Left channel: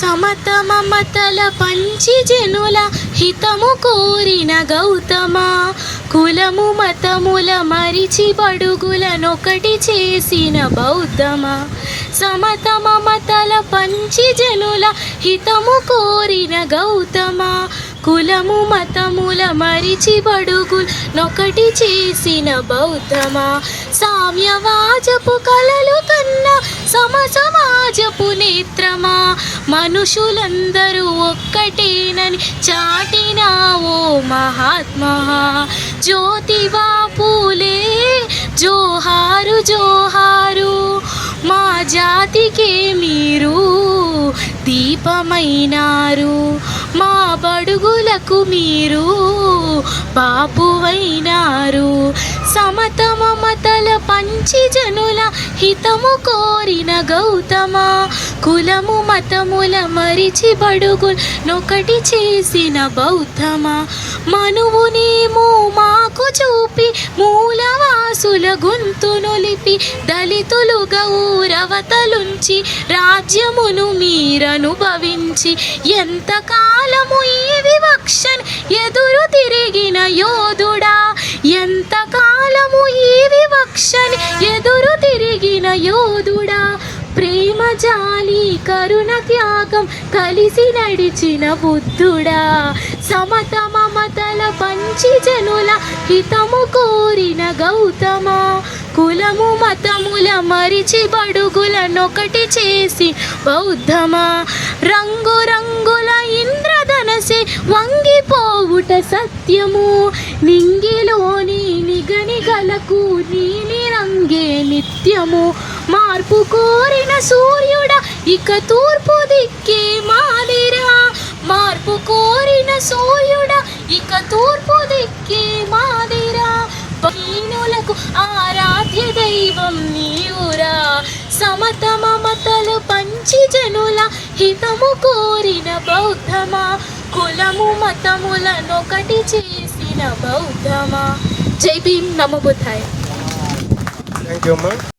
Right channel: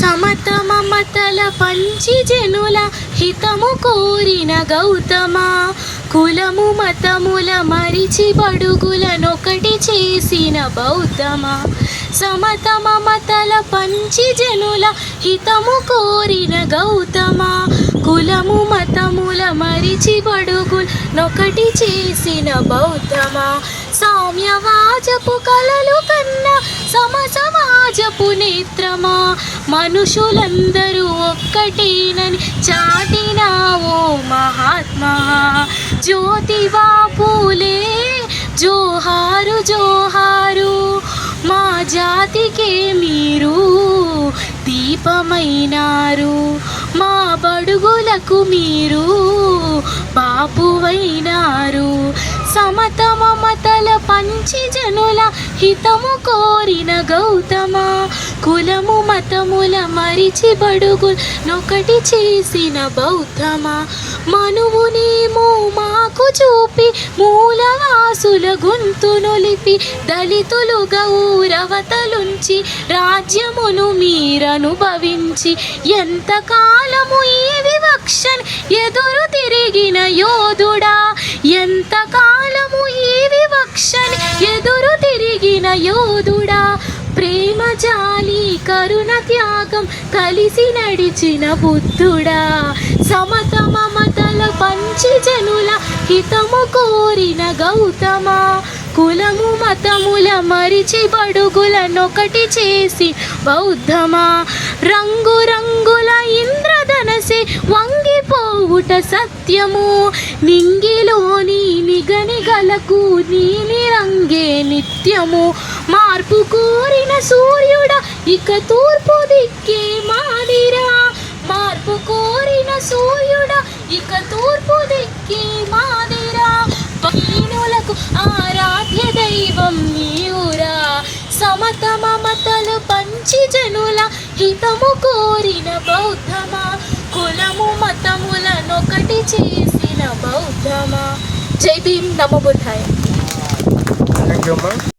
సమత మమతల పంచి జనుల హితము కోరిన గౌతమ, కులము మతముల మరిచి బడుగులనొకటి చేసిన బౌద్ధమ. సమత మమతల పంచి జనుల హితము కోరిన గౌతమ, కులము మతముల మరిచి బడుగులనొకటి చేసిన బౌద్ధమ. సామ్యవాజపు కలలు కన్నా సమసమాజపు నేత్రమా, మనుషులందరూ ఒక్కటేనని చాటినావో మహాత్మా. జ్యోతిబా పూలే జోహారు జోహారు, మా జాతికే మీరు దీపమైనారు, మా బడుగులకు మీరు బాపువైనారు. సమత మమతల పంచి జనుల హితము కోరిన గౌతమ, కులము మతముల మరిచి బడుగులనొకటి చేసిన బౌద్ధమ. మనువునేమో మాకు చూపి మూలవాసుల గొంతునొలిపి, దళితులు గౌరవతలుంచి రాజ్యమును మీరనుభవించి, ఎంతకాలము ఈ వివక్షను ఎదురు తిరిగిన యోధుడా, ఎంతకాలము ఈ వివక్షని ఎదురు తిరిగిన యోధుడా. ప్రేమ జాలి కరుణ త్యాగం కలిసి నడిచిన బుద్ధుడా. సమత మమతల పంచి జనుల హితము కోరిన గౌతమ, కులము మతముల మరిచి బడుగులనొకటి చేసి బౌద్ధమా. రంగు రంగుల ఇంద్రధనసే వంగిపోవుట సత్యము, నింగిలోని నిగనిగలకు నీలి రంగే నిత్యము. మార్పు కోరిన సూర్యుడా ఇక తూర్పు దిక్కే మాదిరా, మార్పు కోరిన సూర్యుడా ఇక తూర్పు దిక్కే మాదిరా. బహీనులకు ఆరాధ్య దైవం నీవురా. సమత మమతలు పంచి జనుల హితము కోరిన బౌద్ధమా, కులము మతములనొకటి చేసిన బౌద్ధమా. జై భీమ్, నమో బుద్ధాయ. థ్యాంక్ యూ అమ్మా.